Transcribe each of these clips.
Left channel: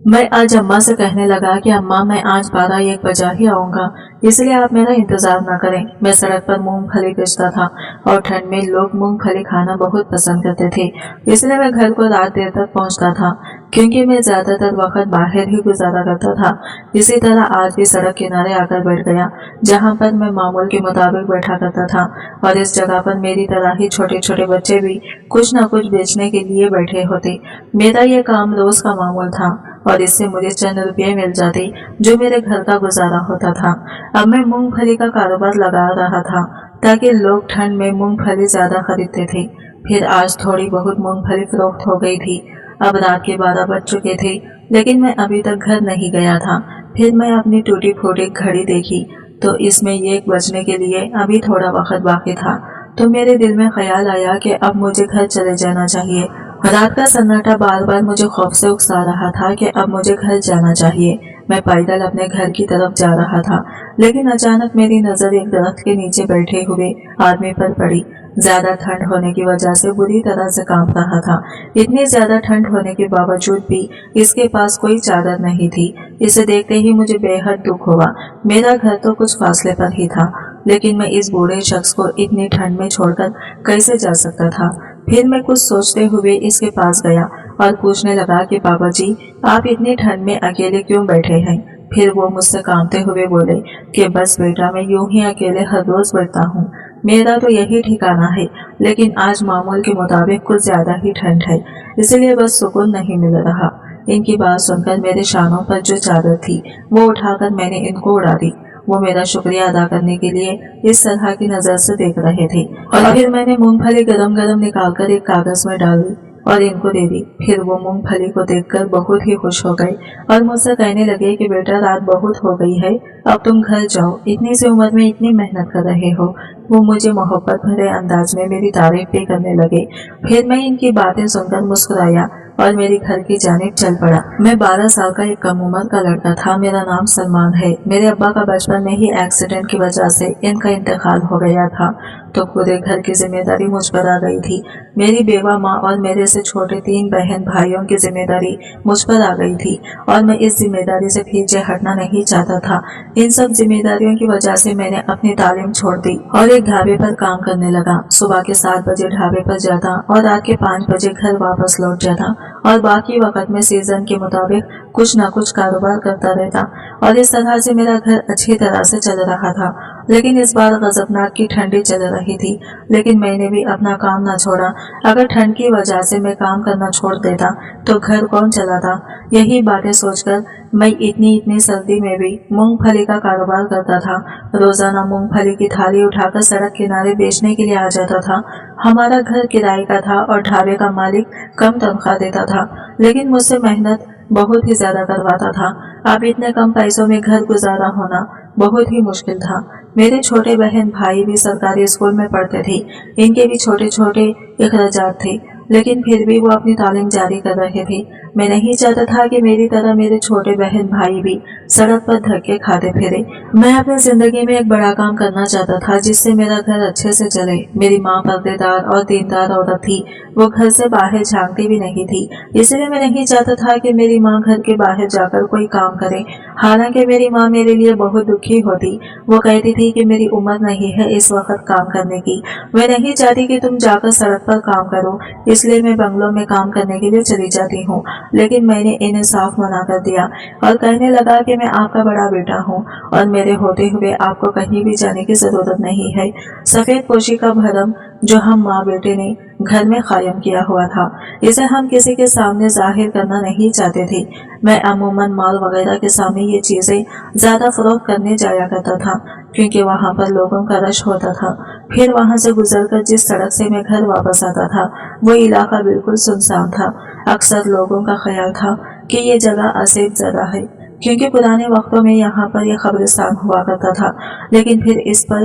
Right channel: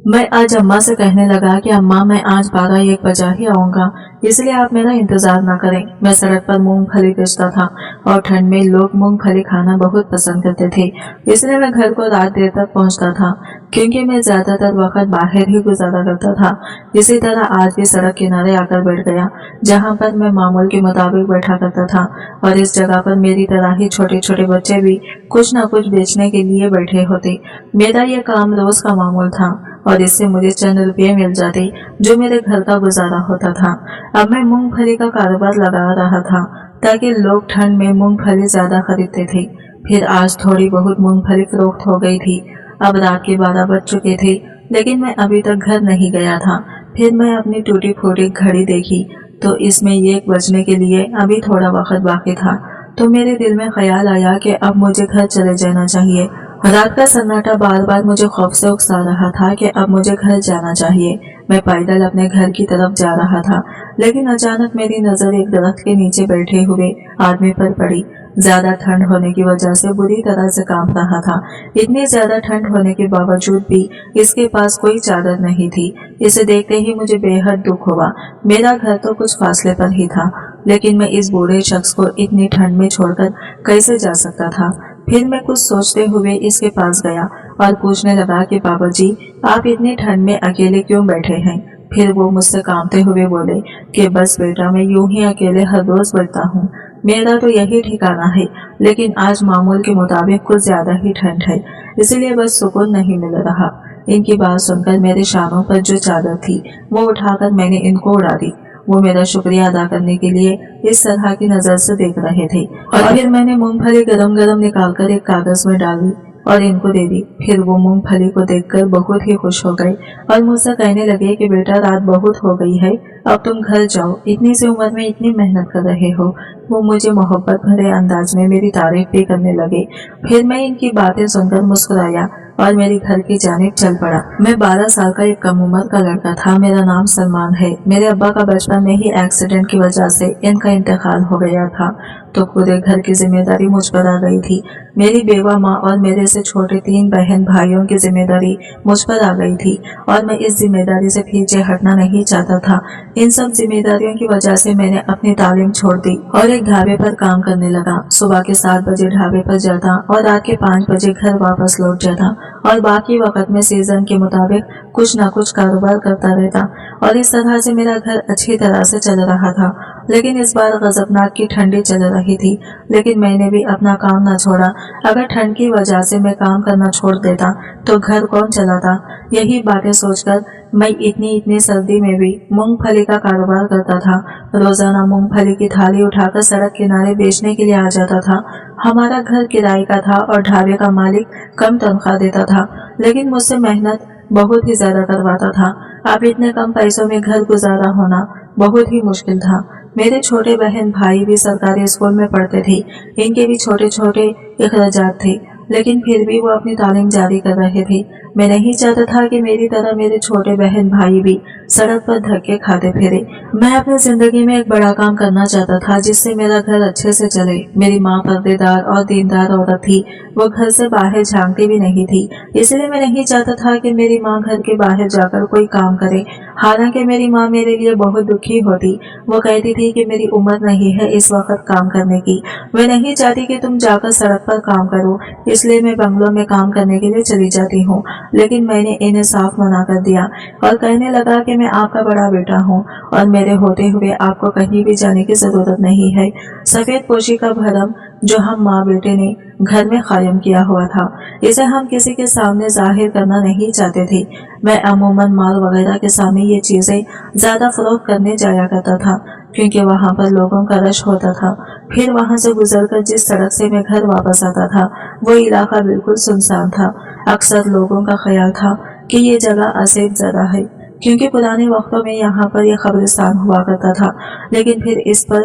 मैं आज अम्मा से कहने लगा कि अम्मा मैं आज 12-1 बजा ही आऊंगा, इसलिए आप मेरा इंतजार ना करें। मैं सड़क पर मूंगफली बेचता था और ठंड में लोग मूंगफली खाना बहुत पसंद करते थे, इसलिए मैं घर को रात देर तक पहुंचता था क्योंकि मैं ज्यादातर वक्त बाहर ही गुजारा करता था। इसी तरह आज भी सड़क किनारे आकर बैठ गया, जहां पर मैं मामूल के मुताबिक बैठा करता था, और इस जगह पर मेरी तरह ही छोटे छोटे बच्चे भी कुछ न कुछ बेचने के लिए बैठे होते। मेरा यह काम रोज का मामूल था और इससे मुझे चंद रुपये मिल जाते जो मेरे घर का गुजारा होता था। अब मैं मूंगफली का कारोबार लगा रहा था ताकि लोग ठंड में मूंगफली ज्यादा खरीदते थे। फिर आज थोड़ी बहुत मूंगफली फरोख्त हो गई थी। अब रात के 12 बज चुके थे, लेकिन मैं अभी तक घर नहीं गया था। फिर मैं अपनी टूटी फूटी घड़ी देखी तो इसमें 1 बजने के लिए अभी थोड़ा वक्त बाकी था। तो मेरे दिल में ख्याल आया कि अब मुझे घर चले जाना चाहिए। रात का सन्नाटा बार बार मुझे खौफ से उकसा रहा था कि अब मुझे घर जाना चाहिए। मैं पैदल अपने घर की तरफ जा रहा था, लेकिन अचानक मेरी नजर एक दरख्त के नीचे बैठे हुए आदमी पर पड़ी। ज्यादा ठंड होने की वजह से बुरी तरह से कांप रहा था। इतनी ज्यादा ठंड होने के बावजूद भी इसके पास कोई चादर नहीं थी। इसे देखते ही मुझे बेहद दुख हुआ। मेरा घर तो कुछ फासले पर ही था, लेकिन मैं इस बूढ़े शख्स को इतनी ठंड में छोड़कर कैसे जा सकता था। फिर मैं कुछ सोचते हुए इसके पास गया और पूछने लगा कि बाबा जी, आप इतनी ठंड में अकेले क्यों बैठे हैं। फिर वो मुझसे कांपते हुए बोले कि बस बेटा, मैं यूं ही अकेले हर रोज बैठता हूँ। मेरा तो यही ठिकाना है, लेकिन आज मामूल के मुताबिक कुछ ज्यादा ही ठंड है, इसलिए बस सुकून नहीं मिल रहा। इनकी बात सुनकर मेरे शानों पर जो चादर थी वो उठाकर मैंने इनको उड़ा दी। वो मेरा शुक्रिया अदा करने के लिए इस तरह की नजर से देख रहे थे, और फिर मैंने मूंगफली गरम गरम निकालकर एक कागज में डाल दी और इनको दे दी। फिर वो मूंगफली को देखकर बहुत ही खुश हो गए और मुझसे कहने लगे कि बेटा, रात बहुत हो गई है, अब तुम घर जाओ, इतनी सी उम्र में इतनी मेहनत कर रहे हो। वो मुझे मोहब्बत भरे अंदाज में मेरी तारीफ भी करने लगे। फिर मैं इनकी बातें सुनकर मुस्कुराया और मेरी घर की जानिब चल पड़ा। मैं 12 साल का एक कम उम्र का लड़का था। मेरा नाम सलमान है। मेरे अब्बा का बचपन में ही एक्सीडेंट की वजह से इनका इंतकाल हो गया था, तो पूरे घर की जिम्मेदारी मुझ पर आ गई थी। मेरी बेवा माँ और मेरे से छोटे 3 बहन भाइयों की जिम्मेदारी मुझ पर आ गई थी, और मैं इस जिम्मेदारी से पीछे हटना नहीं चाहता था। इन सब जिम्मेदारियों की वजह से मैंने अपनी तालीम छोड़ दी और एक ढाबे पर काम करने लगा। सुबह के 7 बजे ढाबे पर जाता और रात के 5 बजे घर वापस लौट जाता, और बाकी वक्त में सीजन के मुताबिक कुछ न कुछ कारोबार करता रहता, और इस तरह से मेरा घर अच्छी तरह से चल रहा था। लेकिन इस बार गजबनाक की ठंडी चल रही थी, लेकिन मैंने भी अपना काम न छोड़ा। अगर ठंड की वजह से मैं काम करना छोड़ देता तो घर कौन चलाता। यही बातें सोचकर मैं इतनी सर्दी में भी मूंगफली का कारोबार करता था। रोजाना मूंगफली की थाली उठाकर सड़क किनारे बेचने के लिए आ जाता था। हमारा घर किराए का था और ढाबे का मालिक कम तनख्वाह देता था, लेकिन मुझसे मेहनत बहुत ही ज्यादा करवाता था। अब इतने कम पैसों में घर गुजारा होना बहुत ही मुश्किल था। मेरे छोटे बहन भाई भी सरकारी स्कूल में पढ़ते थे। इनके भी छोटे छोटे अखराजात थे, लेकिन फिर भी वो अपनी तालीम जारी कर रहे थे। मैं नहीं चाहता था कि मेरी तरह मेरे छोटे बहन भाई भी सड़क पर धक्के खाते फिरे। मैं अपनी जिंदगी में एक बड़ा काम करना चाहता था जिससे मेरा घर अच्छे से चले। मेरी माँ पर्देदार और दीनदार औरत थी। वो घर से बाहर झांकती भी नहीं थी, इसलिए मैं नहीं चाहता था कि मेरी माँ घर के बाहर जाकर कोई काम करे। हालांकि मेरी माँ मेरे लिए बहुत दुखी होती। वो कहती थी कि मेरी उम्र नहीं है इस वक्त काम करने की। मैं नहीं चाहती कि तुम जाकर सड़क पर काम करो, इसलिए मैं बंगलों में काम करने के लिए चली जाती हूँ। लेकिन मैंने इन्हें साफ मना कर दिया और कहने लगा कि मैं आपका बड़ा बेटा हूँ और मेरे होते हुए आपको कहीं भी जाने की जरूरत नहीं है। सफेद पोशी का भरम जो हम माँ बेटे ने घर में कायम किया हुआ था, इसे हम किसी के सामने जाहिर करना नहीं चाहते थे। मैं अमूमन माल वगैरह के सामने ये चीजें ज्यादा फरोख्त करने जाया करता था, क्योंकि वहाँ पर लोगों का रश होता था। फिर वहाँ से गुजरकर जिस सड़क से मैं घर वापस आता था, वो इलाका बिल्कुल सुनसान था। अक्सर लोगों का ख्याल था कि ये जगह असेब जगह है, क्योंकि पुराने वक्तों में यहाँ पर यह कब्रिस्तान हुआ करता था। लेकिन फिर इस पर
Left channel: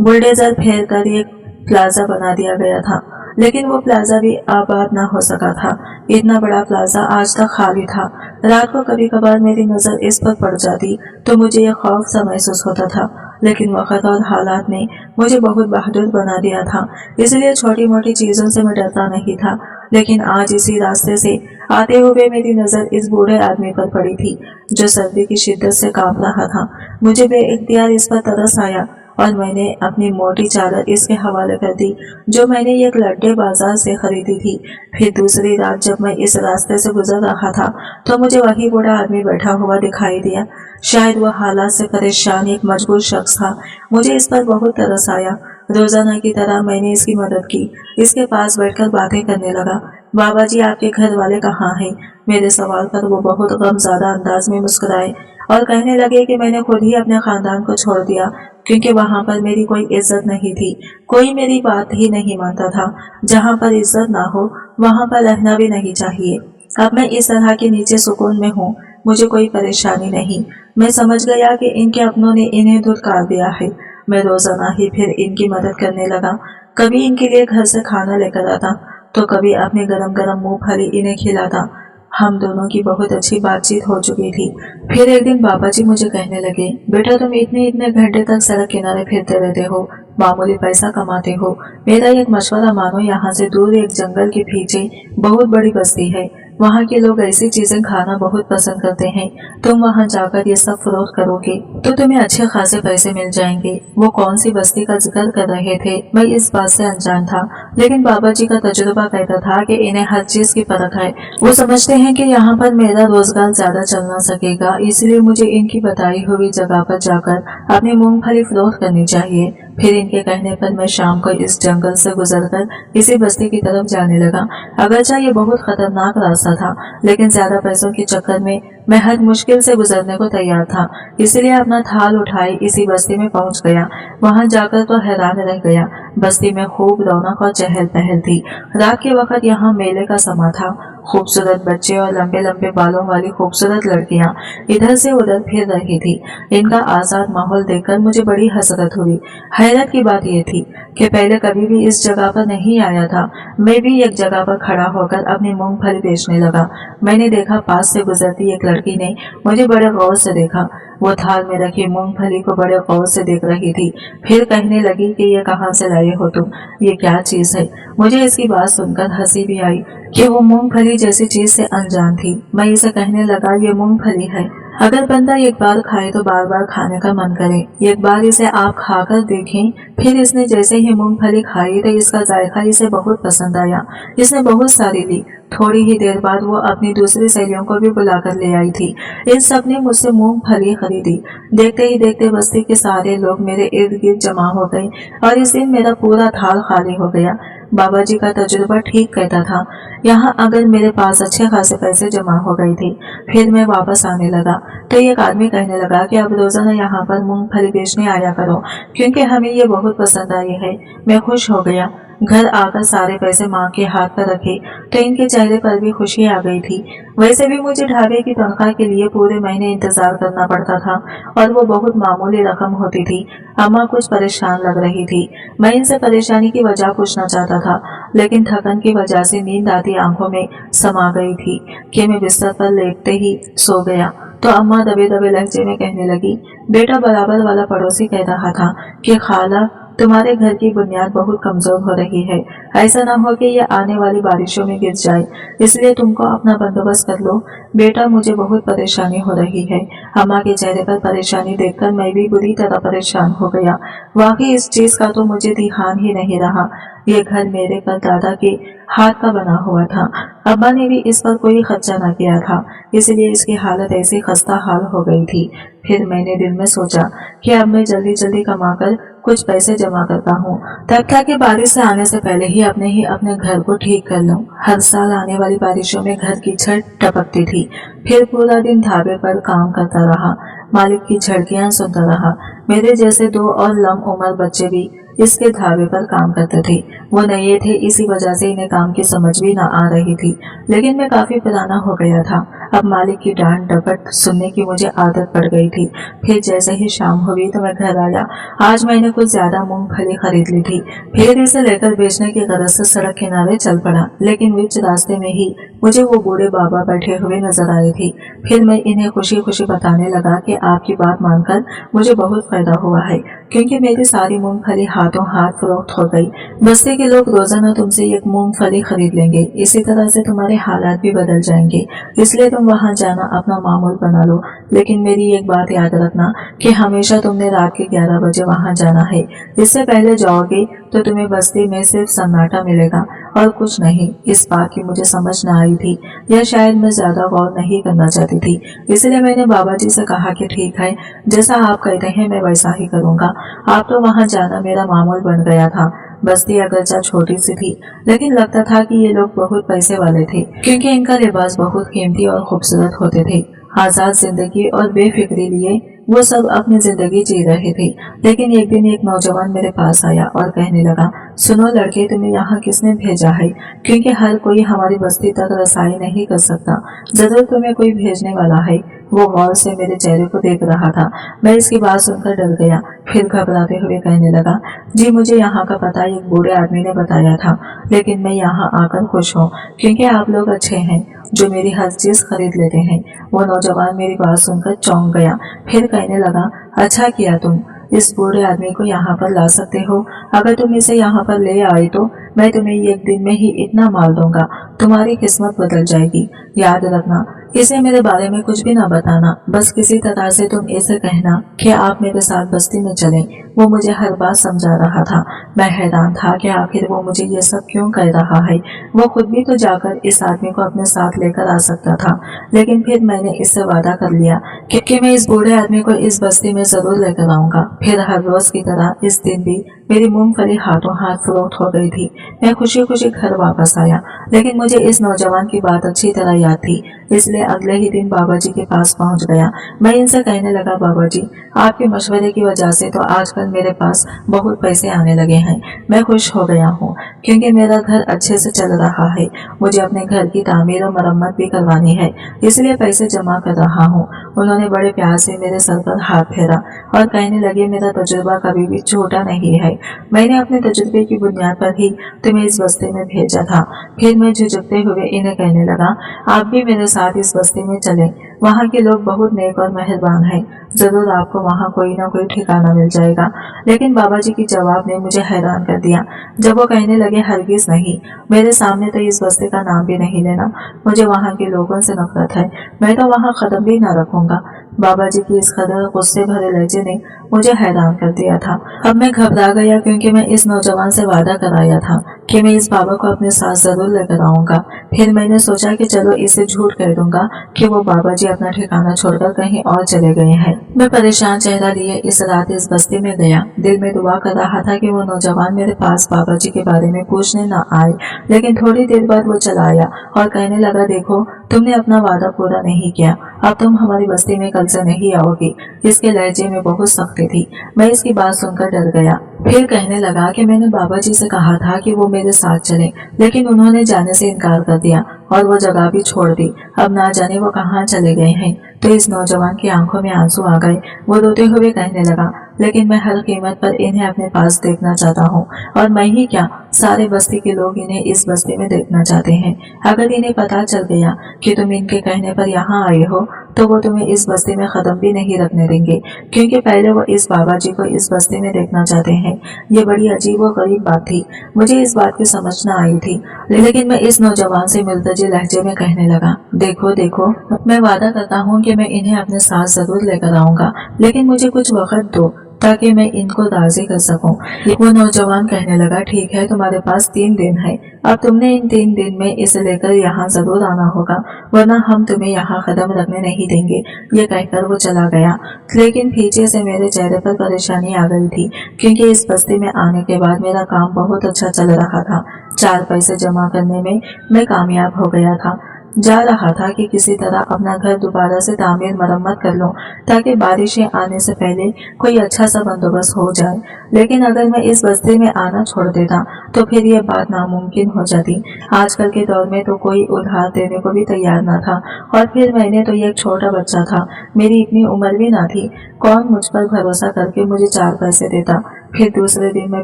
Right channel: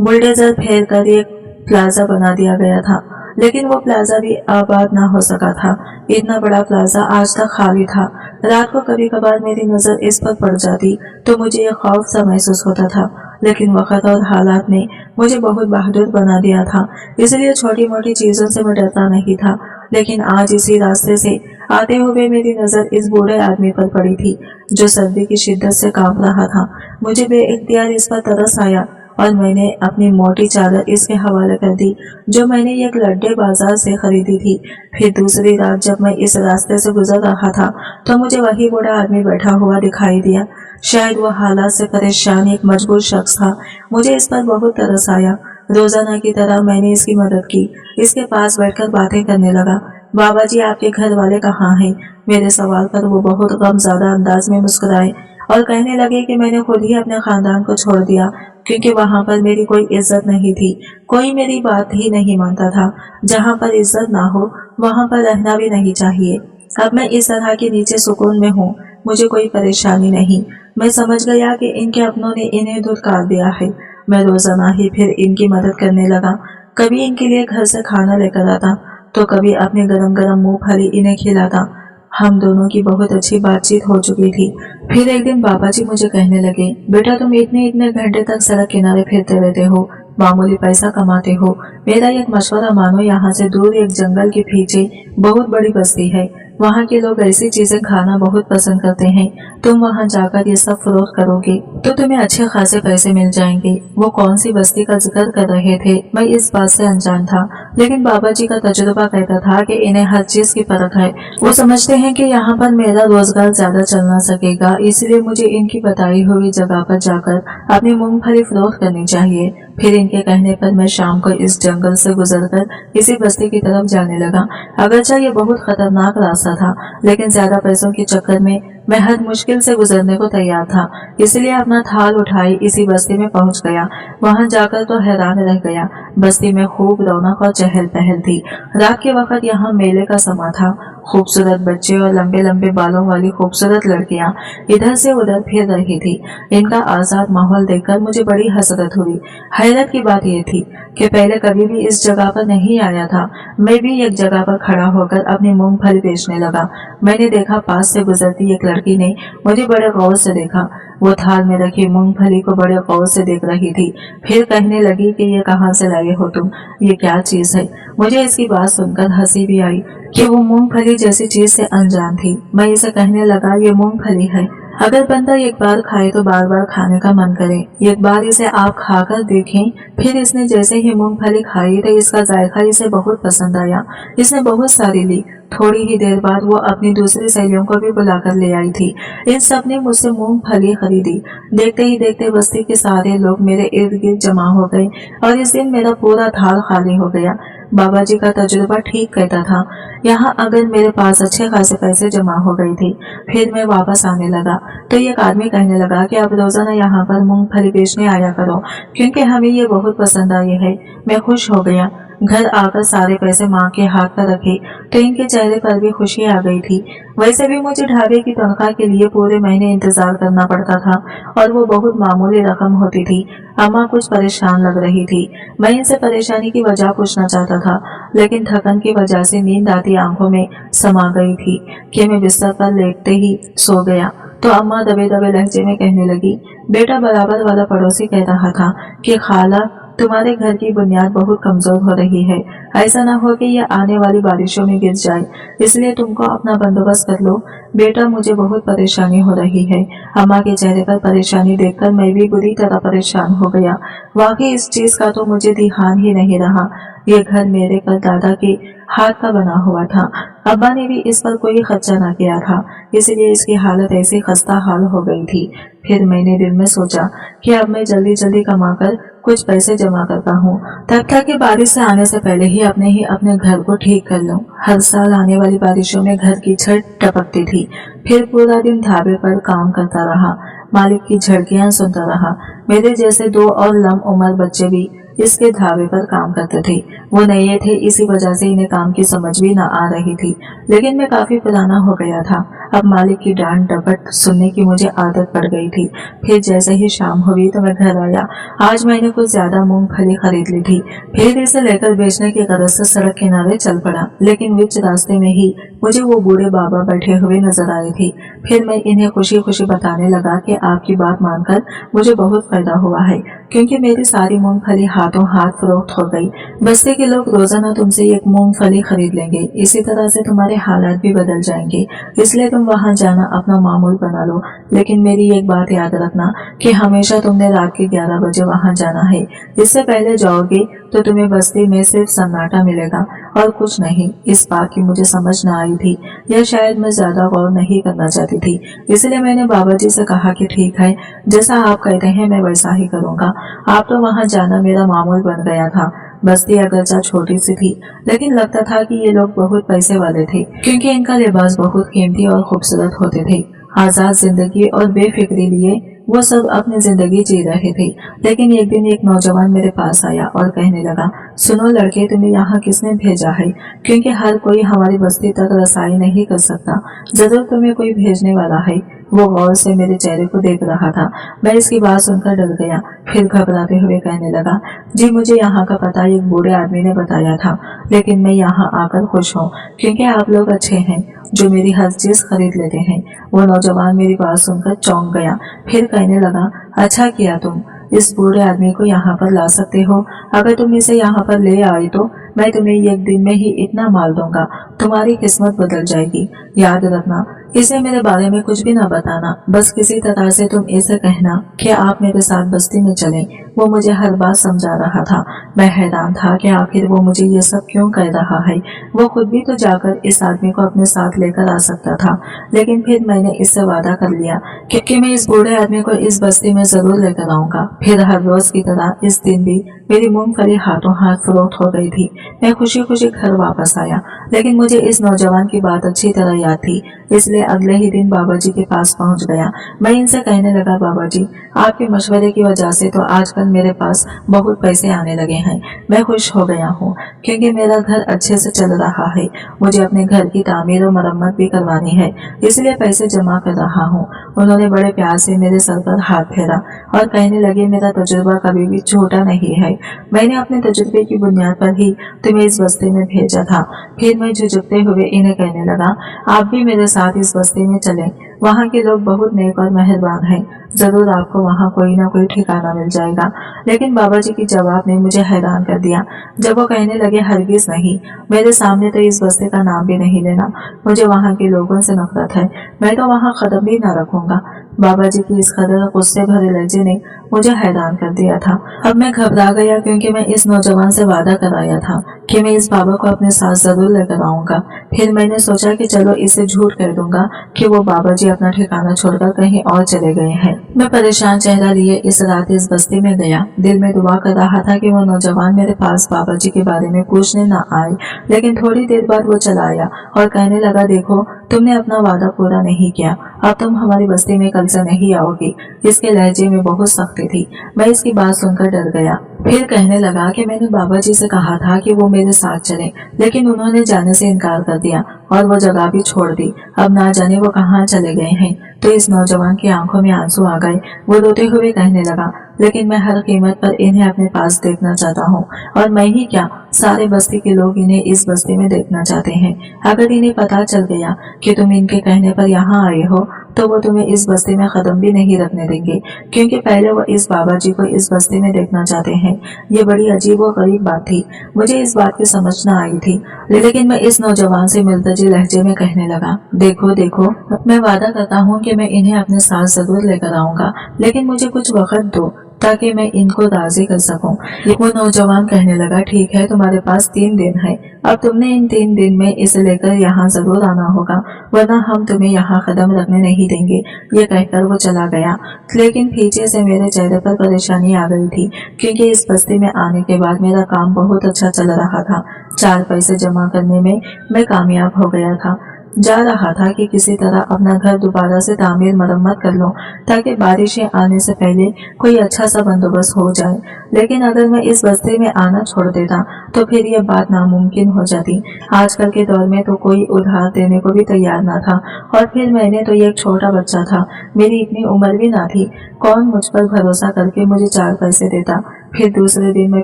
बुलडोजर फेर कर एक प्लाजा बना दिया गया था, लेकिन वो प्लाजा भी आबाद ना हो सका था। इतना बड़ा प्लाजा आज तक खाली था। रात को कभी कभार मेरी नजर इस पर पड़ जाती तो मुझे यह खौफ सा महसूस होता था, लेकिन वक्त और हालात ने मुझे बहुत बहादुर बना दिया था, इसलिए छोटी मोटी चीजों से मैं डरता नहीं था। लेकिन आज इसी रास्ते से आते हुए मेरी नजर इस बूढ़े आदमी पर पड़ी थी जो सर्दी की शिद्दत से कांप रहा था। मुझे बेइख्तियार इस पर तरस आया और मैंने अपनी मोटी चादर इसके हवाले कर दी जो मैंने एक लड्डे बाजार से खरीदी थी। फिर दूसरी रात जब मैं इस रास्ते से गुजर रहा था तो मुझे वही बूढ़ा आदमी बैठा हुआ दिखाई दिया। शायद वो हालात से परेशान एक मजबूर शख्स था। मुझे इस पर बहुत तरस आया। रोजाना की तरह मैंने इसकी मदद की। इसके पास बैठकर बातें करने लगा। बाबा जी, आपके घर वाले कहाँ हैं? मेरे सवाल पर वो बहुत गमज़दा अंदाज में मुस्कुराए और कहने लगे कि मैंने खुद ही अपने खानदान को छोड़ दिया क्योंकि वहाँ पर मेरी कोई इज्जत नहीं थी। कोई मेरी बात ही नहीं मानता था। जहाँ पर इज्जत ना हो वहाँ पर रहना भी नहीं चाहिए। अब मैं इस तरह के नीचे सुकून में हूँ। मुझे कोई परेशानी नहीं। मैं समझ गया कि इनके अपनों ने इन्हें धुतकार दिया है। मैं रोजाना ही फिर इनकी मदद करने लगा। कभी इनके लिए घर से खाना लेकर आता तो कभी अपने गरम गरम मूंगफली इन्हें खिलाता। हम दोनों की बहुत अच्छी बातचीत हो चुकी थी। फिर एक दिन बाबा जी मुझे कहने लगे, बेटा तुम इतने इतने घंटे तक सड़क किनारे फिरते रहते हो, मामूली पैसा कमाते हो। मेरा एक मशवरा मानो, यहाँ से दूर एक जंगल के पीछे बहुत बड़ी बस्ती है। वहाँ के लोग ऐसी चीजें खाना बहुत पसंद करते हैं। तुम वहाँ जाकर ये सब फरोख्त करोगे तो तुम्हें अच्छे खासे पैसे मिल जाएंगे। वो कौन सी बस्ती का जिक्र कर रहे थे मैं इस बात से अनजान था, लेकिन बाबा जी का तजुर्बा कहता था कि इन्हें हर चीज की परख है। वो समझते हैं कि यहाँ पर मेरा रोजगार ज्यादा चल ना सकेगा, इसलिए मुझे इनकी बताई हुई जगह पर जाकर अपनी मूंगफली फरोख्त करनी चाहिए। फिर इनके कहने पर मैं शाम को इस जंगल से गुजरकर इसी बस्ती की तरफ जाने लगा। अगरचे ये बहुत खतरनाक रास्ता था, लेकिन ज्यादा पैसों के चक्कर में मैं हर मुश्किल से गुजरने को तैयार था, इसलिए अपना थाल उठाए इसी बस्ती में पहुंच गया। वहां जाकर तो हैरान रह गया। बस्ती में खूब रौनक और चहल पहल थी। रात के वक्त यहाँ मेले का समा था। खूबसूरत बच्चे और लंबे लंबे बालों वाली खूबसूरत लड़कियां इधर से उधर फिर रही थी। इनका आजाद माहौल देखकर मुझे बड़ी हसरत हुई। हैरत की बात यह थी कि पहले कभी भी इस जगह पर नहीं आया था। मैं भी एक जगह पर खड़ा होकर अपनी मूंगफली बेचने लगा। मैंने देखा पास से गुजरती एक लड़की ने मुझे बड़े गौर से देखा। वो थाल में रखी मूंगफली को बड़े गौर से देख रही थी। फिर कहने लगी कि ये कहाँ से लाए हो तुम, ये क्या चीज है? मुझे इसकी बात सुनकर हंसी भी आई कि वो मूंगफली जैसी चीज से अनजान थी। मैं इसे कहने लगा, ये मूंगफली है। अगर बंदा एक बार खाए तो बार बार खाने का मन करे। एक बार इसे आप खाकर देखें। फिर इसने जैसे ही मूंगफली खाई तो इसका जायका इसे बहुत पसंद आया। इसने बहुत सारी ली। थोड़ी ही देर बाद वो अपनी दूसरी सहेलियों को भी बुलाकर ले आई थी। इन सब ने मुझसे मूंगफली खरीदी। देखते ही देखते बस्ती के सारे लोग मेरे इर्द गिर्द जमा हो गए और इस दिन मेरा पूरा थाल खाली हो गया। बाबा जी का तजुर्बा ठीक कहता था। यहाँ अगर मेरे पास अच्छे खासे पैसे जमा हो गए थे। फिर मैं वापस आने लगा तो एक आदमी कहने लगा कि अब रोजाना यहाँ पर मूंगफली बेचने आया करो, क्योंकि हमें ये बहुत पसंद आई है। मैं खुश हो गया। घर आकर सारे पैसे माँ के हाथ पर रखे तो इनके चेहरे पर भी खुशी आ गई थी। वैसे भी मुझे ढाबे की तनख्वाह के लिए पूरे महीने इंतजार करना पड़ता था और वो बहुत मामूली रकम होती थी। अम्मा कुछ परेशान लग रही थी। मैं इनसे परेशानी की वजह पूछना चाहता था, लेकिन थकन की वजह से नींद आती आंखों में समा गई थी कि मैं बिस्तर पर लेटते ही सो गया। तो अम्मा दबे दबे लहजे में कहने लगी, बेटा बराबर वाला पड़ोसी कह रहा था कि खाला तुम्हारे घर की बुनियाद बहुत कमजोर हो रही है। ऐसा ना हो कि ये आने वाली बारिशों में गिर जाए, इसलिए तुमको अपना बंदोबस्त कर लो। बेटा मुझे बहुत परेशानी हो रही है। अम्मा के चेहरे पर परेशानी देखकर मैं भी बुरी तरह परेशान हो गया। वाकई इस चीज का तो मुझे ध्यान ही नहीं रहा। ये घर मेरे पर दादा के हाथ का बना हुआ था। अब्बा ने भी इस पर कोई खर्चा ना किया था, इसलिए इसकी हालत ऐसी खस्ता हाल हो गई थी। फिर मैंने दिल में सोचा कि अब मैं जल्दी जल्दी कमाकर कुछ पैसे जमा करता हूँ, तब तक कि बारिश से आने से पहले ही अपने घर को ठीक कर लूँ। हर साल आने वाली बारिशों में घर की छत टपकती थी। फिर पूरा दिन ढाबे पर काम करता रहा, मालिक की झड़कियां सुनता रहा। मेरे जैसे 2 और लम उम्र बच्चे भी इसके ढाबे पर काम करते थे। वो नए थे, इसी वजह से इन्हें काम की समझ भी न आ रही थी, लेकिन मैं काफी पुराना हो गया था। अब मालिक की डांट डपट सुनने की मुझे आदत पड़ गई थी। फिर जैसे ही शाम हुई तो मैं घर आया। आज मैंने कुछ ज्यादा मूंगफली खरीद ली थी। फिर इसे लेकर बेचने की गरज से सड़क किनारे चल पड़ा, लेकिन बीच रास्ते में ही मुझे वो बूढ़े बाबा बैठे हुए नजर आए थे। फिर मैं इन्हें खुशी खुशी बताने लगा कि आपकी बात मानकर मुझे बहुत फायदा हुआ है, क्योंकि मेरी सारी मूंगफली हाथों हाथ फरोख्त हो गई। बस्ती के लोग रोजाना तुमसे एक मूंगफली खरीद लेंगे। इसी तरह से तुम्हारे हालात भी बदल जाएंगे, इसलिए तुम वहां जाना अपना मामूल बना लो। लेकिन मेरी एक बात याद रखना कि हमेशा तुमने रात के 11 बजे वहां जाना है। इससे पहले जाओगे तो तुम्हें बस्ती में सिर्फ सन्नाटा मिलेगा और कुछ नहीं। इस बात की मुझे समझ न आई थी, या शायद मैं ज्यादा गौर नहीं करना चाहती थी। इसलिए मैंने बाबा जी से कहा कि ठीक है, जैसा आप कहते हैं मैं वैसा ही करूंगा। आप तो वहां जाना मेरा मामूल बन गया था। बस्ती अगरचा छोटी सी थी, लेकिन लगता था कि ये लोग बहुत पैसे वाले थे, क्योंकि इनका लिबास बहुत कीमती और खूबसूरत होते थे। आजाद जिंदगी और बेफिक्री लिए वो सब अपनी जिंदगी जी रहे थे। लेकिन एक दिन एक नौजवान मेरे पास आया और कहने लगा, सुनो लड़के, तुम्हें यहाँ किसने भेजा है? क्योंकि हर कोई हमारी बस्ती तक रसाई नहीं कर सकता। जरूर तुम्हें कोई भेजने वाला है। वो गौर से मेरे चेहरे को देख रहा था। मैं इसकी बात सुनकर डर गया। फिर घबराते हुए कहने लगा, जी मुझे यहाँ का पता एक बूढ़े आदमी ने बताया था, लेकिन मैं यहाँ आकर खुश हूँ क्योंकि आप लोग अच्छे हैं जो मेरी हर चीज खरीद लेते हैं। वो नौजवान मेरी बात सुनकर चौंक गया। फिर कहने लगा, अच्छा किया तुम इस बूढ़े आदमी को यहाँ पर ला सकते हो। अगर तुम इसे यहाँ पर ले आए तो मैं तुम्हें एक दिन में ही इतना माल दूंगा, तुम्हारी किस्मत बदल जाएगी। याद रखना, इसे मेरे बारे में कुछ भी न बताना। बस किसी तरह से तुम इसे कहना कि आप मेरे साथ बस्ती में चलें। वो मुझे हर बात समझा रहा था। मैं हैरान था कि आखिर वो मुझे ये सब क्यों कह रहा है। वो खुद भी तो जाकर इस आदमी को अपने साथ लेकर आ सकता था। लेकिन फिर मैंने इससे वादा कर लिया कि मैं इस बूढ़े आदमी को इस बस्ती में जरूर लेकर आऊंगा। फिर हर रोज की तरह इस दिन भी मेरी मूंगफली हाथों हाथ फरोख्त हो गई थी। मैं खुशी खुशी घर वापस आया, लेकिन मुझे इस नौजवान की बात अच्छी तरह याद थी, इसलिए अगले ही दिन बाबा जी के पास पहुंच गया। मैं इनसे कहने लगा, बाबा जी, आपके मशवरे की वजह से तो आजकल मेरे पास बहुत पैसे आने लगे हैं। मैं खुश हो गया हूँ क्योंकि मेरा घर अच्छे से चल रहा है। मुझे अपने घर की तामीर और मरम्मत भी करवानी है, इसलिए पैसे जमा कर रहा हूँ। उन्होंने बड़े प्यार से मेरे सर पर हाथ फेरा और कहने लगे, मेरा तजुर्बा कभी भी छोटा नहीं है। मैंने अपने तजुर्बे की बुनियाद पर ही तुम्हें इस बस्ती में भेजा था। फिर मैं झुझुकते हुए इन्हें कहने लगा, आप भी मेरे साथ इस बस्ती में चलें। वहाँ के लोग बहुत नेक और मेहरबान हैं। जरूर आपको वहाँ कोई ना कोई ठिकाना मिल जाएगा। लेकिन बाबा जी की जवाब ने मुझे हैरान कर दिया जब वो कहने लगे, हरगिज नहीं, मेरे सामने तो इस बस्ती का नाम भी नहीं लेना। मुझे वहाँ के लोगों से नफरत है। मैं तो वहाँ कदम भी न रखूंगा। बाबा जी की इस कदर गुस्से भरे लहजे ने मुझे हैरान कर दिया था। अब मैं घबरा गया क्योंकि मैं इस नौजवान से वादा कराया था कि मैं इस बाबा को अपने साथ जरूर लेकर आऊंगा। फिर मैंने सोचा कि चलो इसे झूठ कह दूंगा कि वो बाबा जी अपना ठिकाना छोड़कर कहीं और चले गए हैं। मैं परेशान चेहरा लिए इस रात इस बस्ती में गया। दिल में दुआ कर रहा था कि वो नौजवान मेरे पास बाबा जी के बारे में पूछने न आए। लेकिन थोड़ी देर बाद वो चला आया और कहने लगा, देखो, तुमने अपना वादा पूरा नहीं किया। अब तुम हमारी बस्ती में कल से नहीं आओगी। इसके लहजे में बहुत सख्ती थी। मैं इसकी बात सुनकर डर गया। फिर कहने लगा कि मैंने बाबा जी से कहा था कि वो मेरे साथ चले, लेकिन उन्होंने जाने से इनकार कर दिया और वो जगह भी छोड़ दी। अब ना जाने वो कहाँ चले गए हैं। तो इस नौजवान की आंखों में आंसू आ गए। वो रोते हुए कहने लगा, लेकिन मैं हर कीमत पर इन्हें अपने पास देखना चाहता हूँ, और मैं ही क्या, सारे बस्ती के लोग इन्हें इस बस्ती में देखना चाहते हैं। अगर इन्हें पता चल गया कि तुम इनके कहने पर यहाँ आए हो तो वो तुम्हें इस बस्ती में कदम भी नहीं रखने देंगे, क्योंकि पहले वो इस बाबा जी को इस बस्ती में देखना चाहते हैं। ये बड़ी अजीब और गरीब बात थी। मुझे इस बात की समझ न आई थी, लेकिन मैं इस नौजवान से मिलतजी लहजे में कहने लगा, देखो देखो, मैं वादा करता हूँ कि मैं इन्हें अपने साथ जरूर लेकर आऊंगा, लेकिन मुझे कुछ वक्त दो ताकि मैं इनको राजी कर सकूं। वो नौजवान कहने लगा, ठीक है, तुम्हारे पास 3 दिन है। अब तुमने इन 3 दिन में इसे लेकर यहाँ जरूर आना होगा, वरना हम तुम्हें यहाँ कदम रखने नहीं देंगे। ये कहकर वो चला गया। लेकिन पीछे से मेरे चेहरे पर परेशानी आ गई थी, क्योंकि इस बस्ती में आने के बाद मेरा काम बहुत अच्छा चल रहा था। 4 पैसे जमा करने में मैं कामयाब हो गया था। जा रहा था कि किसी तरह अपना घर दोबारा से तामीर मरम्मत कर लूं, ताकि बारिशें आने से पहले कोई अच्छा सा बंदोबस्त हो जाए। लेकिन अगर मैं इस बस्ती में आना छोड़ देता तो फिर यह बात नामुमकिन हो जाती। आजकल के दौर में तो कोई उधार देने को भी तैयार न था, और फिर मैंने तो एक छोटा बच्चा था, मेरी इतनी उम्र भी ना थी। कौन मुझ पर भरोसा करके मुझे 4 पैसे देता। फिर दूसरे दिन मैं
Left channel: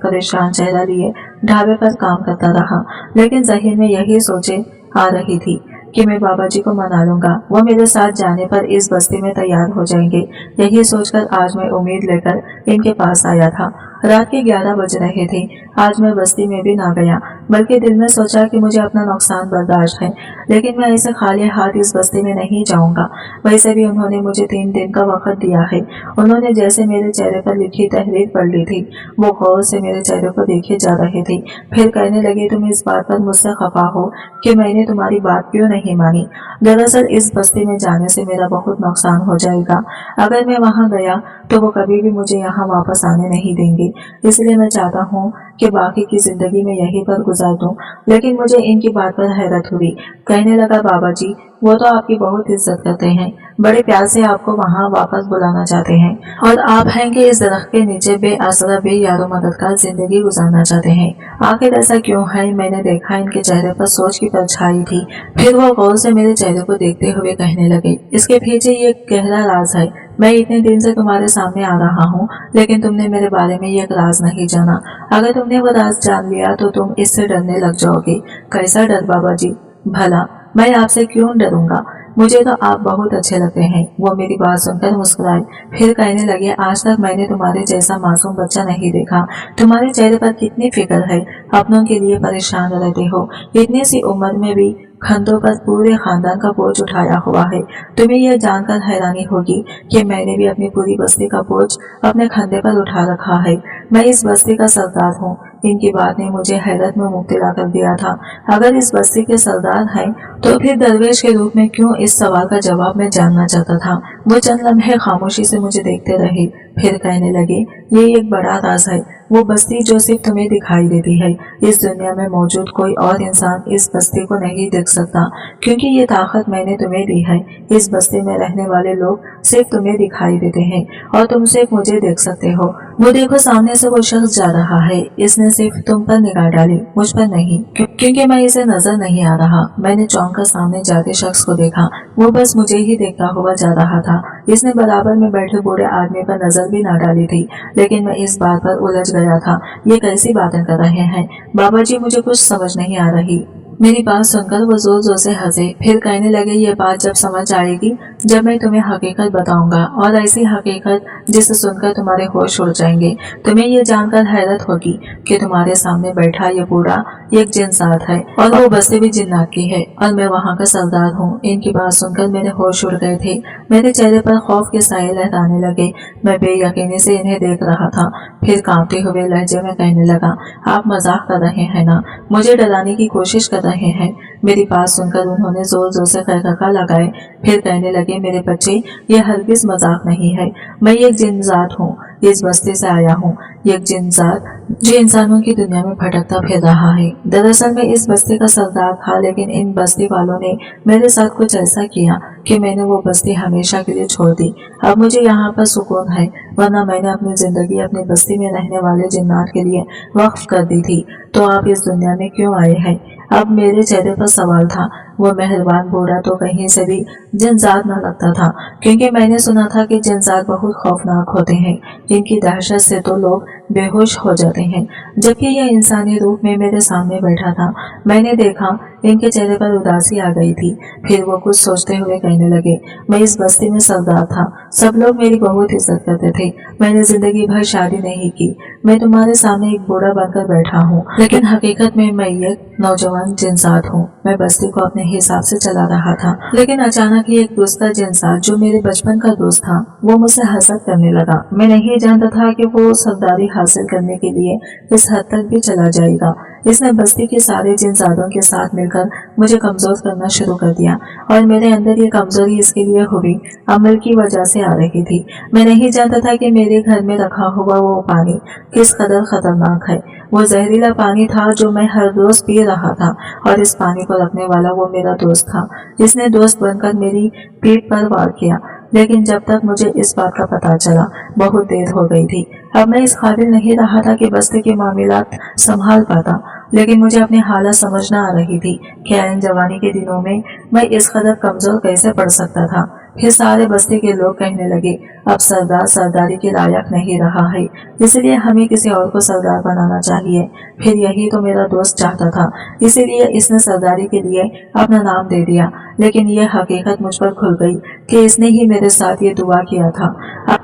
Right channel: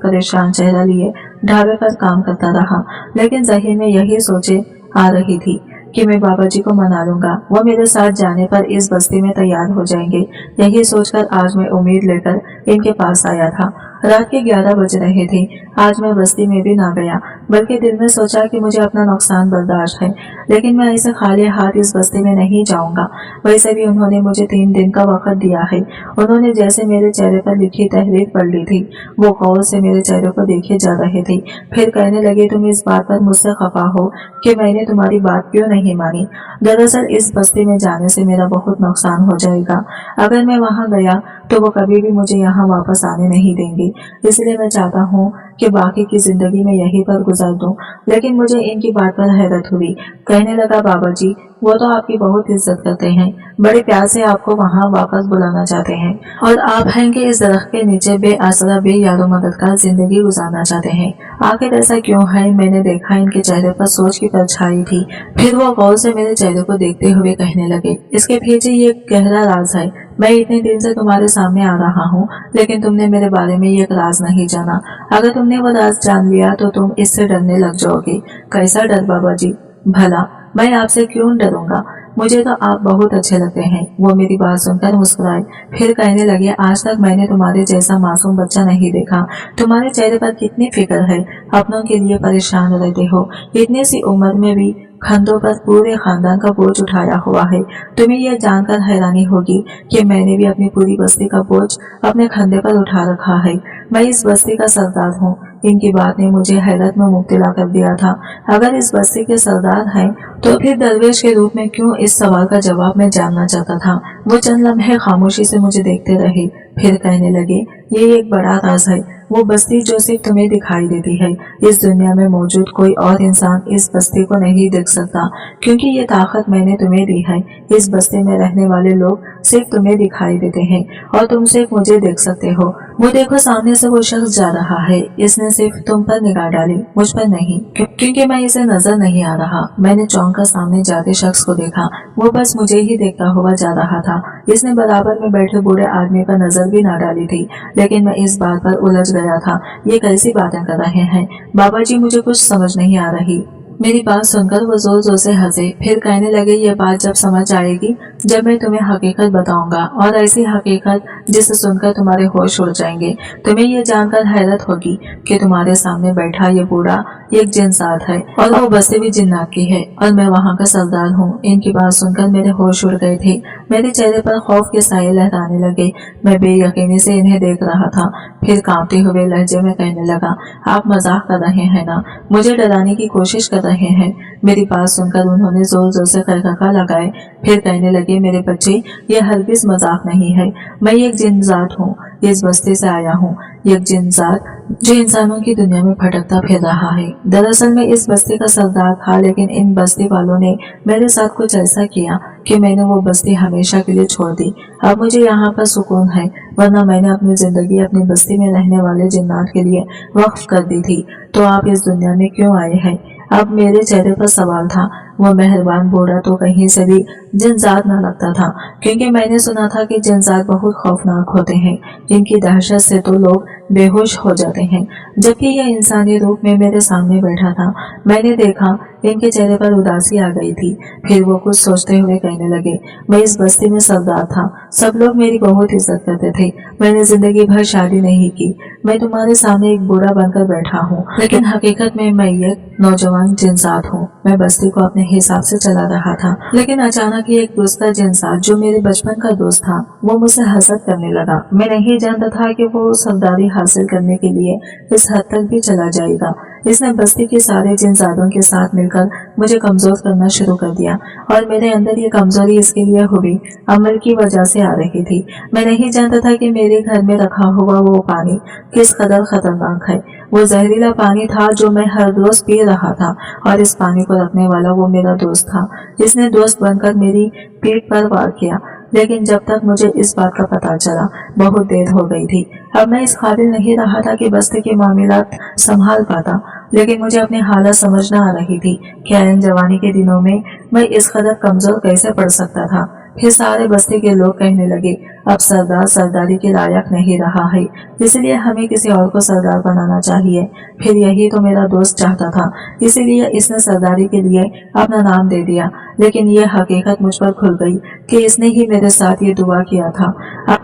परेशान चेहरा लिए ढाबे पर काम करता रहा, लेकिन ज़हन में यही सोचे आ रही थी कि मैं बाबा जी को मना लूंगा, वो मेरे साथ जाने पर इस बस्ती में तैयार हो जाएंगे। यही सोचकर आज मैं उम्मीद लेकर इनके पास आया था। रात के 11 बज रहे थे। आज मैं बस्ती में भी ना गया, बल्कि दिल में सोचा कि मुझे अपना नुकसान बर्दाश्त है, लेकिन मैं ऐसे खाली हाथ इस बस्ती में नहीं जाऊंगा। वैसे भी उन्होंने मुझे 3 दिन का वक्त दिया है। उन्होंने जैसे मेरे चेहरे पर लिखी तहरीर पढ़ ली थी। वो गौर से मेरे चेहरे को देखे जा रहे थे, फिर कहने लगे, तुम इस बात पर मुझसे खफा हो कि मैंने तुम्हारी बात क्यों नहीं मानी। दरअसल इस बस्ती में जाने से मेरा बहुत नुकसान हो जाएगा। अगर मैं वहां गया तो वो कभी भी मुझे यहाँ वापस आने नहीं देंगे, इसलिए मैं चाहता हूँ कि बाकी की जिंदगी में यहीं पर गुजार दूं। लेकिन मुझे इनकी बात पर हैरत हुई। कहने लगा, बाबा जी वो तो आपकी बहुत इज्जत करते हैं, बड़े प्यार से आपको वहाँ वापस बुलाना चाहते हैं, और आप हैं कि इस दरख्त के नीचे बेआसरा बेयारो मददगार जिंदगी गुजारना चाहते हैं। आखिर ऐसा क्यों है? मैंने देखा इनके चेहरे पर सोच की परछाई थी। फिर वो गौर से मेरे चेहरे को देखते हुए कहने लगे, इसके पीछे ये गहरा राज है। मैं इतने दिन से तुम्हारे सामने आ रहा हूँ, लेकिन तुमने मेरे बारे में ये राज नहीं जाना। अगर तुमने वो राज जान लिया तो तुम इससे डरने लग जाओगे। कैसा डर बाबा जी? भला मैं आपसे क्यों डरूंगा? मुझे तो आप बहुत अच्छे लगते हैं। वो मेरी बात सुनकर मुस्कुराए, फिर कहने लगे, आज तक मैंने तुम्हारे जैसा मासूम बच्चा नहीं देखा। तुम्हारे चेहरे पर कितनी फिक्र है, अपनों के लिए परेशान रहते हो। इतनी सी उम्र में भी कंधों पर पूरे खानदान का बोझ उठाया हुआ है। तुम्हें यह जानकर हैरानी होगी कि मैंने भी अपनी पूरी बस्ती का बोझ अपने कंधे पर उठा रखा है। मैं इस बस्ती का सरदार हूँ। इनकी बात ने मुझे हैरत में मुब्तला कर दिया था। अगर इस बस्ती के सरदार हैं तो फिर दरवेश के रूप में क्यों? इस सवाल का जवाब मैं जानना चाहता था। वो चंद लम्हे खामोशी से मुझे देखते रहे, फिर कहने लगे, ये एक बड़ा राज है। वो बस्ती जो सिर्फ तुम्हें दिखाई देती है, इस दुनिया में मौजूद कोई और इंसान इस बस्ती को नहीं देख सकता, क्योंकि ये ताकत मैंने तुम्हें दी है। इस बस्ती में रहने वाले लोग सिर्फ तुम्हें दिखाई देते हैं और तुम सिर्फ मुझे देख सकते हो। वो देखो, सामने से वो शख्स जा रहा है। इसने सिर्फ तुम पर निगाह डाली, मुझ पर नहीं, क्योंकि मैं इसे नजर नहीं आ रहा। मैंने चौंक कर सामने जाते शख्स को देखा। वो बस मुझे ही देखता हुआ जा रहा था। इसने बराबर में बैठे बूढ़े आदमी पर नजर भी ना डाली थी, लेकिन मैं इस बात पर उलझ गया था। ये कैसी बातें कर रहे हैं बाबा जी? मुझे कुछ समझ नहीं आ रही। मेरी बात सुनकर वो जोर जोर से हंसे, फिर कहने लगे, ये बात जब समझ आएगी जब मैं तुम्हें हकीकत बताऊंगा, और ऐसी हकीकत जिसे सुनकर तुम्हारे होश उड़ जाएंगे। तुम्हें ये जानकर हैरत होगी कि तुम्हारे सामने बैठा ये बूढ़ा एक जिन्नात है, और वो बस्ती भी जिन्नात की है, और मैं वहाँ का सरदार हूँ। इनकी बात सुनकर मेरे होश उड़ गए थे। मेरे चेहरे पर खौफ के साये लहराने लगे। मैं बेयकीनी से इन्हें देख रहा था। फिर कांपते हुए लहजे में कहने लगा, आप मजाक कर रहे हैं ना? मुझे डराने की कोशिश कर रहे हैं? मेरी बात सुनकर उन्होंने जोर जोर से खड़खड़ा लगाए, फिर कहने लगे, मेरे बच्चे, ये हरगिज मजाक नहीं है। मैं एक जिन्नात हूँ, इस बस्ती से आया हूँ। एक जिन्नात जो इंसानों की दुनिया में भटकता फिर रहा है। दरअसल मैं इस बस्ती का सरदार था, लेकिन इन बस्ती वालों ने मेरे साथ कुछ ऐसा किया कि मैंने वो बस्ती हमेशा के लिए छोड़ दी। अब मुझे यहाँ पर सुकून है, वरना मैंने अपनी जिंदगी अपनी बस्ती में रहने वाले जिन्नात के लिए वक्फ कर दी थी। तो आप इस दुनिया में क्यों आए हैं? अब मेरे चेहरे पर सवाल था। वो मेहरबान बूढ़ा तो कहीं से भी जिन्नात न लगता था, क्योंकि मैंने सुना था कि जिन्नात बहुत खौफनाक होते हैं। इनकी दहशत से तो लोग बेहोश हो जाते हैं। जबकि यह इंसानी रूप में मेरे सामने बैठा था। मैंने देखा इनके चेहरे पर उदासी आ गई थी। फिर वो कुछ सोचते हुए कहने लगे, मैं इस बस्ती में सरदार था, सब लोग मेरी बहुत इज्जत करते थे। मैंने जिंदगी भर शादी नहीं की। मैं तुम्हारे सामने एक बूढ़ा बनकर बैठा हूँ, लेकिन हकीकत में मैं एक नौजवान जिन्नात हूँ। मैं बस्ती को अपने हिसाब से चला रहा था, लेकिन अचानक ही एक दूसरा जिन्नात जो मेरे बचपन का दोस्त था, वो मुझसे हसद करने लगा। मैं नहीं जानता था कि वो सरदारी हासिल करने के लिए इस हद तक भी चला जाएगा। इसने बस्ती के सारे जिन्नातों के साथ मिलकर मुझे कमजोर करना शुरू कर दिया, और मेरे अंदर ये कमजोरी इसके लिए हुई अमल की वजह से आ रही थी। मैं नहीं जानता था कि मेरे घर में रखा हुआ वो पानी किस कदर खतरनाक है। वो जहरीला पानी था जो मैं हर रोज पी रहा था, और इस पानी को रखने वाला वो मेरा दोस्त था। इसने दोस्त बनकर मेरी पीठ पर वार किया, लेकिन जब तक मुझे इस बात का पता चला बहुत देर हो गई थी। अब मैं इस काबिल नहीं रहा था कि बस्ती के मामलात संभाल पाता, लेकिन मुझे अपनी हालत समझना आ रही थी कि ऐन जवानी के दिनों में मैं इस कदर कमजोर कैसे पड़ सकता था। फिर सारे बस्ती के लोग कहने लगे, अब सरदार सरदारी के लायक नहीं रहा है, इसलिए हमें किसी और को सरदार बनाना चाहिए। फिर यही तो मेरा दोस्त चाहता था, इसीलिए इसने सरदारी के लिए अपना नाम दे दिया। लेकिन यह हकीकत मुझ पर खुल गई कि इसने ही मेरे साथ ये दुआ किया था।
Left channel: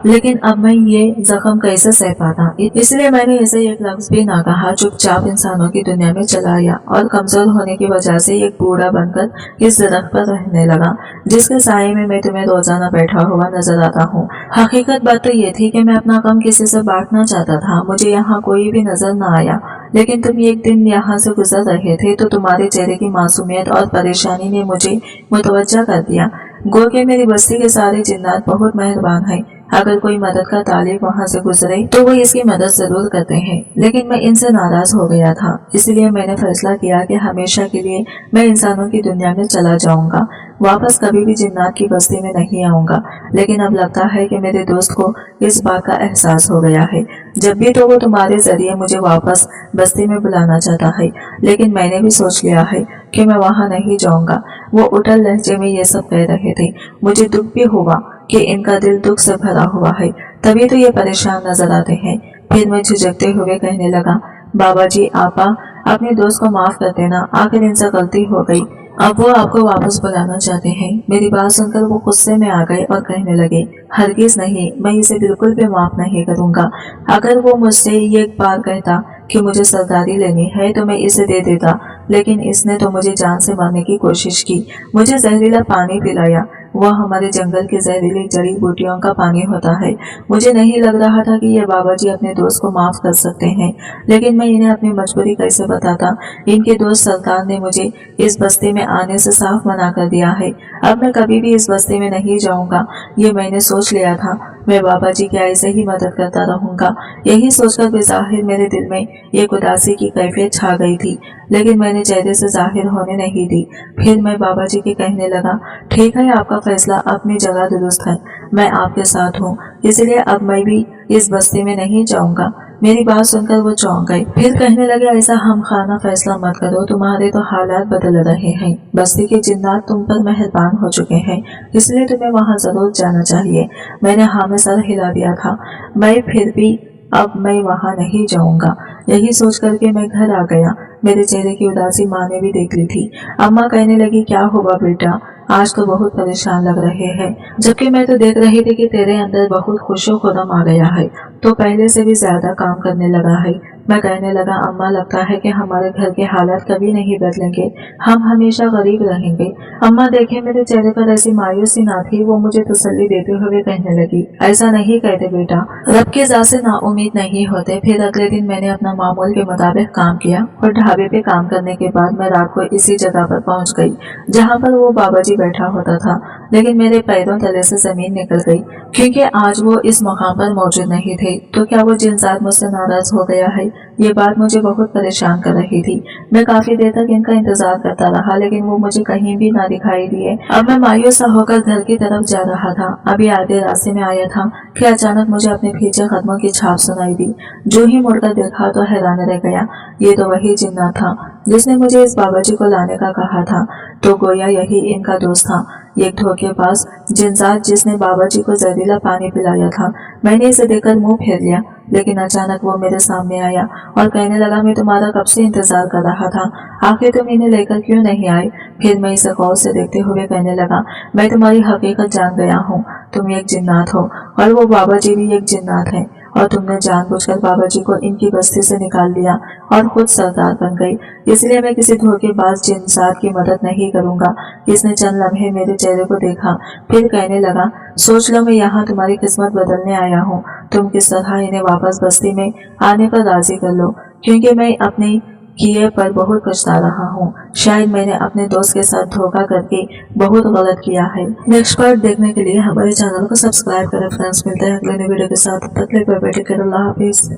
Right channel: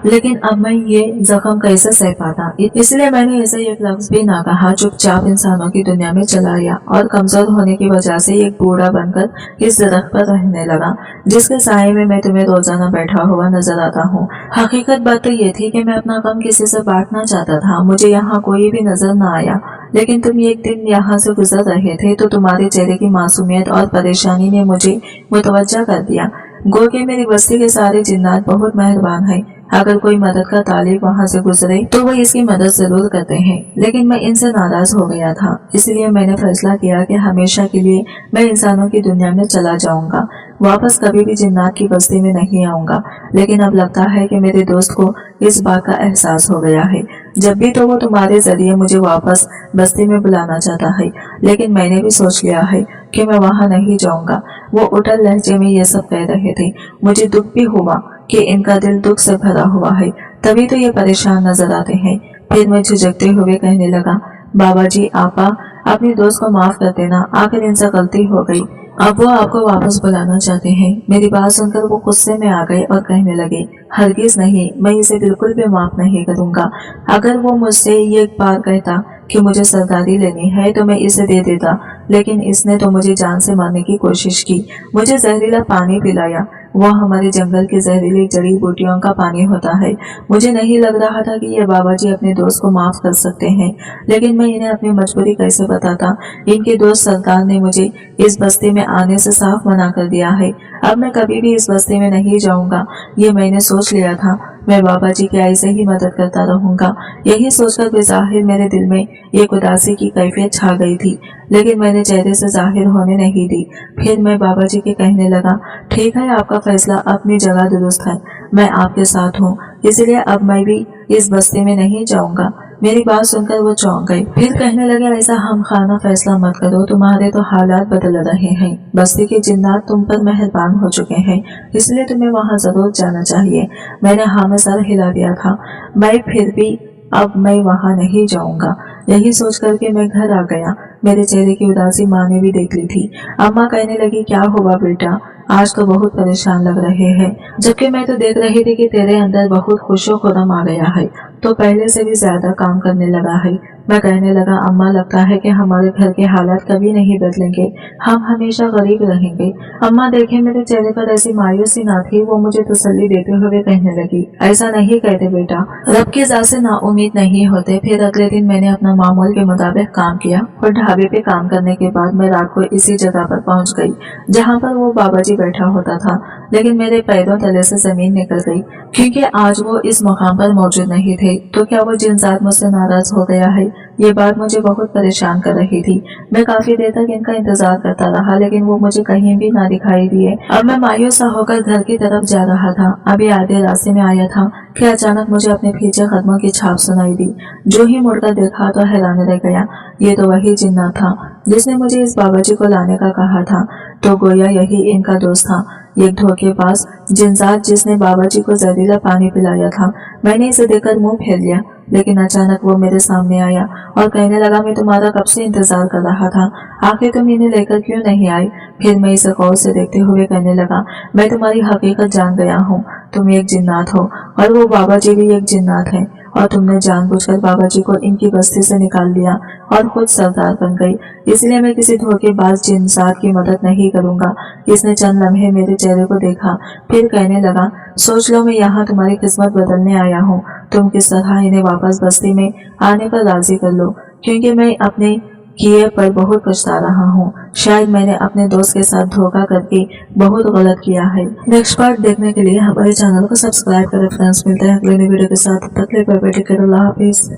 लेकिन अब मैं ये जख्म कैसे सह पाता, इसलिए मैंने ऐसे एक लफ्ज भी ना कहा। चुपचाप इंसानों की दुनिया में चला आया और कमजोर होने की वजह से एक बूढ़ा बनकर इस दरख्त पर रहने लगा जिसके साये में मैं तुम्हें रोजाना बैठा हुआ नजर आता हूँ। हकीकत बात तो ये थी कि मैं अपना गम किसी से बांटना चाहता था। मुझे यहाँ कोई भी नजर न आया, लेकिन तुम एक दिन यहाँ से गुजर रहे थे तो तुम्हारे चेहरे की मासूमियत और परेशानी ने मुझे मुतवज्जा कर दिया। गो के मेरी बस्ती के सारे जिन्नात बहुत मेहरबान हैं। अगर कोई मदद का तालिब वहाँ से गुजरे तो वो इसकी मदद जरूर करते हैं, लेकिन मैं इनसे नाराज हो गया था। इसलिए मैंने फैसला किया कि हमेशा के लिए मैं इंसानों की दुनिया में चला जाऊंगा, वापस कभी भी जिन्नात की बस्ती में नहीं आऊंगा। लेकिन अब लगता है कि मेरे दोस्त को इस बात का एहसास हो गया है। जब भी तो वो तुम्हारे जरिए मुझे वापस बस्ती में बुलाना चाहता है, लेकिन मैंने भी सोच लिया है कि मैं वहाँ नहीं जाऊंगा। वो उटल लहजे में ये सब कह रहे थे। मुझे दुख भी हुआ कि इनका दिल दुख से भरा हुआ है, तभी तो ये परेशान नजर आते हैं। फिर मैं झिझकते हुए कहने लगा, बाबा जी आपा अपने दोस्त को माफ कर देना, आखिर इनसे गलती हो गई। अब वो आपको वापस बुलाना चाहते हैं। मेरी बात सुनकर वो गुस्से में आ गए और कहने लगे, हरगिज नहीं, मैं इसे बिल्कुल भी माफ नहीं करूंगा। अगर वो मुझसे ये बार कहता कि मुझे सरदारी लेनी है तो मैं इसे दे देता, लेकिन इसने तो मुझे जान से मारने की कोशिश की। मुझे जहरीला पानी पिलाया, वह हमारे जंगल के जहरीली जड़ी बूटियों का पानी होता है। मुझे नहीं लग रहा था कि ये बाबा जी अपने दोस्त को माफ कर सकते हैं, लेकिन मैं इन्हें अपनी मजबूरी कैसे बताता। इनके दोस्त सरदार ने मुझे इस बस्ती में आने से साफ मना कर दिया है। अब मैं कभी भी इस बस्ती में नहीं जाऊंगा, ये मैंने सोच लिया था। मैं बाबा जी की ऐसे ही मदद करता रहूंगा। यही सोचकर बेज़ाहिर मेरे दिल में एक उदासी की कैफियत छा गई थी, लेकिन मैंने चेहरे से जाहिर होने नहीं दी। फिर मैं बाबा जी के कहने लगा, ठीक है, आपका फैसला अपनी जगह दुरुस्त है, मैं आपके साथ हूँ, इसलिए अब मैं भी इस बस्ती में नहीं जाऊंगा। मेरी बात सुनकर वो चौंक गए। फिर कहने लगे, ऐसा हम खाना फैसला मत करो, तुम्हारे तो हालात बदल रहे हैं। बस्ती के जिन्नात तुम पर मेहरबान हो चुके हैं, इसलिए तुम्हें वहाँ जरूर जाना चाहिए। मैंने हाँ में सर हिला दिया था। मैं फिर भी अब मैं वहाँ नहीं जाऊंगा। यही सोच करके मैं घर आ गया। मेरे चेहरे की उदासी माँ ने भी देख ली थी। अम्मा कहने लगी, क्या हुआ बेटा, आज तो बहुत परेशान लग रहे हैं। जबकि मैं तो देख रही थी कि तेरे अंदर बहुत खुशो खुरम आ गया है, तो पहले से भी ज्यादा काम करने लगा है। मैं कहने लगा, अम्मा लगता है कि हमारे घर के हालात कभी नहीं बदलेंगे, हम हमेशा गरीब रहेंगे। अम्मा देखे मेरे चेहरे पर ऐसी मायूसी ना थी, वो मुझे तसल्ली देते हुए कहने लगी, ऐसा नहीं कहते बेटा, रब की ज़ात से नाउम्मीद नहीं होते। फिर अगले दिन मैंने अपना मामूल के मुताबिक काम किया और ढाबे पे काम करने के बाद मैं रात को इसी जगह पर पहुंच गई जहां पर वो बाबा जी बैठा होता था। लेकिन मेरे पैरों तले से जमीन निकल गई, क्योंकि आज वो इस मकाम पर मौजूद नहीं थे। तो क्या वो जिनजात मुझसे नाराज हो गया है? ये बात मुझे बहुत परेशान कर रही थी। मैं काफी देर तक इनका इंतजार करता रहा, लेकिन वो मुझे कहीं भी ना दिखाई दिए। अब मैं मायूस होकर घर की तरफ जा रहा था। अभी आधे रास्ते में आया था कि अचानक मुझे अपने पीछे कदमों की छाप सुनाई दी। जो ही मुड़कर देखा तो हैरान रह गया। ये तो वही जिन्ना था जिसने मुझे इस बाबा जी को लाने का कहा था। तो गोया यही इनका दोस्त था, एक धोखेबाज जिनजात जिसने बाबा जी को जहरीला पानी पिलाया था। मैंने इसे देखकर मुंह फेर लिया, लेकिन अचानक वो मेरे सामने आया और कहने लगा, मैं तुम्हारा कब से इंतजार कर रहा था, आखिर तुम इन्हें लेकर क्यों नहीं आए? फिर मैं इसे गौर से देखते हुए कहने लगा, मैं तुम्हारी हकीकत जान गया हूँ, तुम एक जिन्नात हो और वो बाबा जी भी एक जिन्नात है, और तुमने जानबूझकर बाबा जी को इनकी बस्ती से निकाल लिया और खुद सरदार बन गई। इसलिए मैं किसी धोखेबाज जिन्सात की मदद नहीं करूंगा। इसने चंद लम्हे मेरे चेहरे को देखा, फिर कहने लगा, सोच लो मैं यहाँ तुम्हारी किस्मत बदलने आया हूँ। तुम किस तरह इन्हें वापस बस्ती में आने पर राजी कर लो, क्योंकि मैं अपने किए पर बहुत पछता रहा हूँ। शायद मैंने अपने दोस्त के साथ धोखा करके बहुत गलत किया है। नेक्स्ट पार्ट देखने के लिए हमारे चैनल को सब्सक्राइब करें फ्रेंड्स। मिलते हैं अगले वीडियो के साथ, तब तक के लिए बाय बाय, टेक केयर, अल्लाह हाफिज।